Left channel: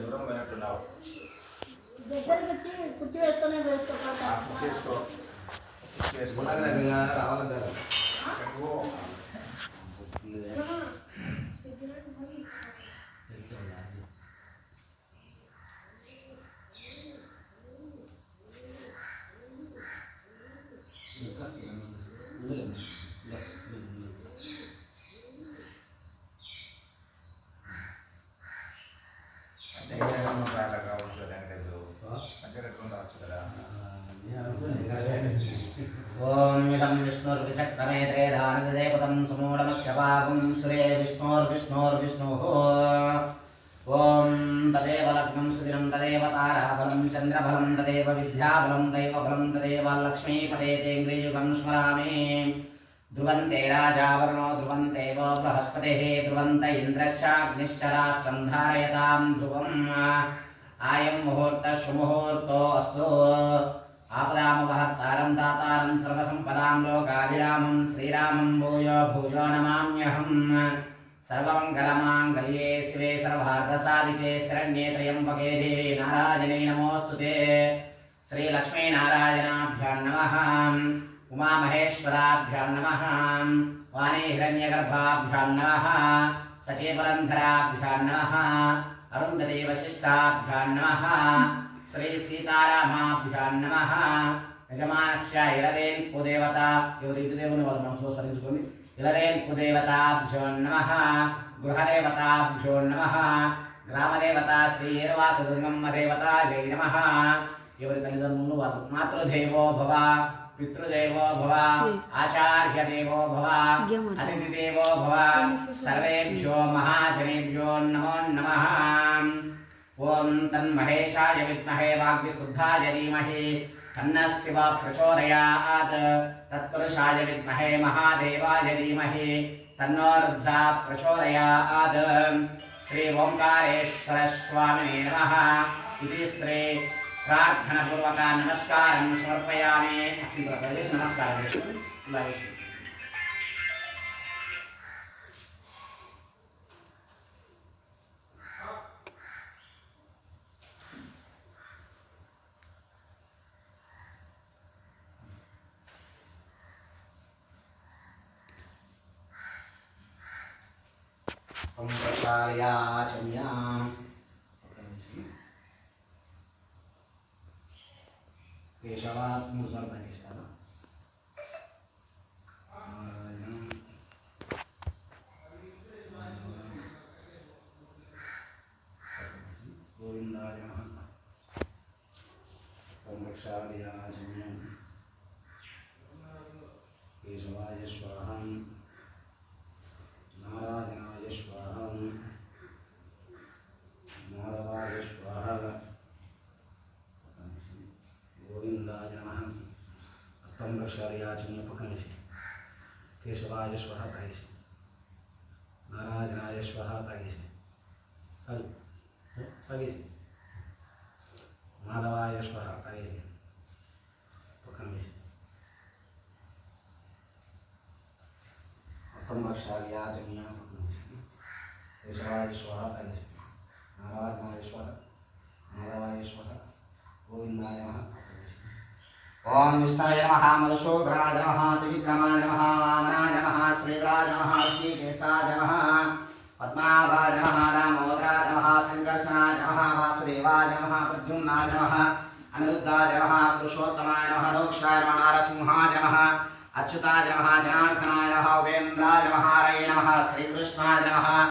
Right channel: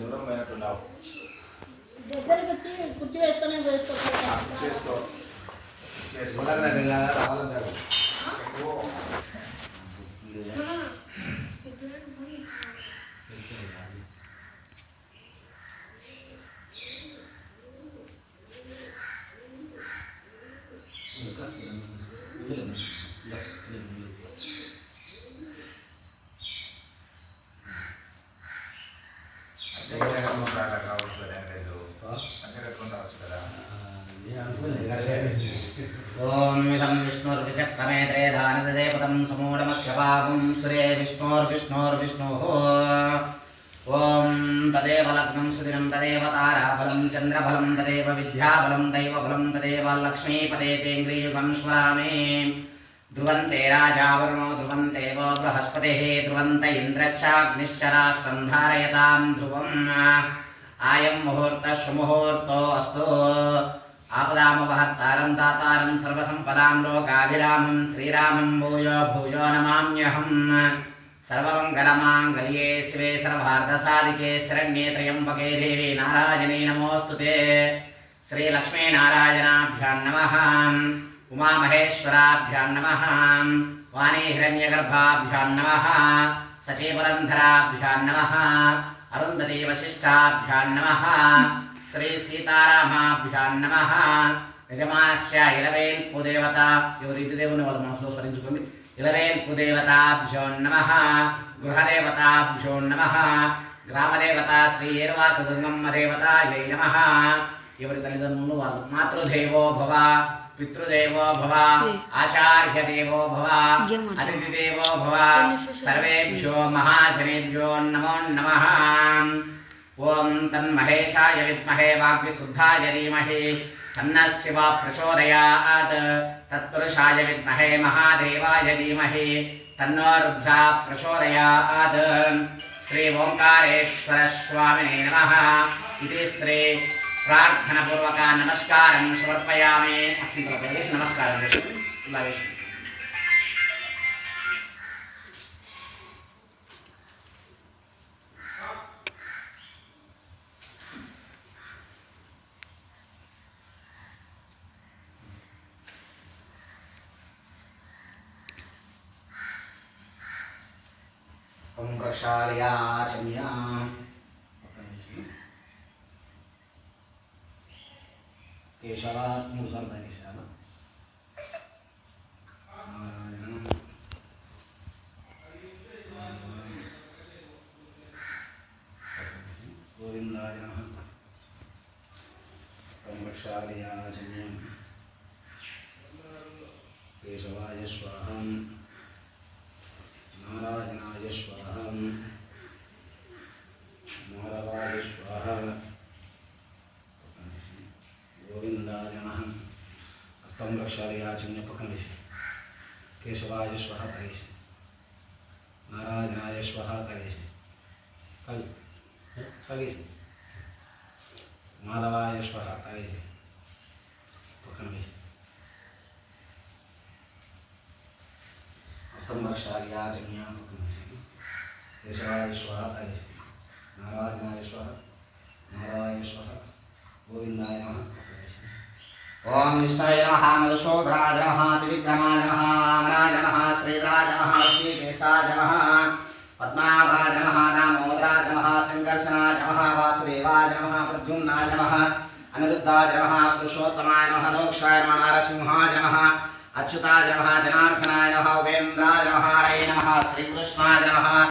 దూరం పోయినట్టున్నావు. దగ్గరికి వచ్చి కుర్చీ వేసుకొని చేసుకో ओम इदं विष्णुर्विचक्रमे त्रेधानदेवतं समूढमस्य पावं सूर्ये विष्णोर्विष्णोर्विष्णोः ओम तदेव लग्नं सुदिनं तदेव ताराबलं चन्द्रबलं तदेव विद्याबलं दैवबलं तदेव लक्ष्मीपदे तेङ्ग्रियुगं स्मरामि ध्रुवन्ते राजा वरुणो ध्रुवन्ते वो बृहस्पतिः ध्रुवन्त इन्द्रश्चाग्निश्च राष्ट्रं धारयतां ध्रुवम् आयं मुहूर्तः सुमुहूर्तो अस्तु आपदामपहर्तारं दातारं सर्वसम्पदां लोकाभिरामं श्रीरामं भूयो भूयो नमाम्यहम् सर्वमङ्गलमाङ्गल्ये शिवे सर्वार्थसाधिके शरण्ये त्र्यम्बके देवी नारायणे नमोऽस्तुते श्रीलक्ष्मीनारायणाभ्यां नमः उमामहेश्वराभ्यां नमः वाणी हिरण्यगर्भाभ्यां नमः सचीपुरन्धराभ्यां नमः अरुन्धती वसिष्ठाभ्यां नमः श्री सीतारामाभ्यां नमः यजमानस्य इलवेल्पुदेवता ఎవరిదిదేవుని వాళ్ళ మనసులో స్మరించుకోండి इलवेल्पुदेवताभ्यो नमः गृहदेवताभ्यो नमः ग्रामदेवता श्री ఏర్వాకదుర్గమ్మ దేవతాయై నమః ఎవరి తల్లిదండ్రులు వారు మాతృదేవో భవ पितृदेवो भव आचार्यदेवो भव अतिथिदेवो भव सर्वेभ्यो महाजनेभ्यो नमो नमः ओम तन्महेशाय विद्महे वाग्विशुद्धाय धीमहि तन्नः शिवः प्रचोदयात् तत्पुरुषाय विद्महे महादेवाय धीमहि तन्नो रुद्रः प्रचोदयात् श्री ओंकारेश्वर स्वामिने नमः इति श्री प्रार्थना पूर्वक नमस्कारं समर्पयामि नमस्कारं संप्रक्षालयाचम्या केशवात् मूर्धन्य केशव गोविन्दाय नमः संरक्षालयाचम्यं केशवाय स्वाहा नारायणाय स्वाहा माधवाय स्वाहा गोविंदाय नमः हस्तं रक्षालयाचम्य पकमेशि केशवाय स्वाहा करेशि नारायणाय स्वाहा करेशि करेशि माधवाय स्वाहा करेशि पकमेशि हस्तं रक्षालयाचम्य पकमेशि केशवाय स्वाहा करेशि नारायणाय स्वाहा माधवाय स्वाहा गोविंदाय नमः ओम विष्णवे नमः मधुसूदनाय नमः त्रिविक्रमाय नमः वामनाय नमः श्रीधराय नमः ऋषिकेशाय नमः पद्मनाभाय नमः दामोदराय नमः संकर्षणाय नमः वासुदेवाय नमः प्रद्युम्नाय नमः अनिरुद्धाय नमः पुरुषोत्तमाय नमः मोक्षाय नमः नारसिंहाय नमः अच्युताय नमः जनार्दनाय नमः उपेन्द्राय नमः हरे नमः श्रीकृष्णाय नमः।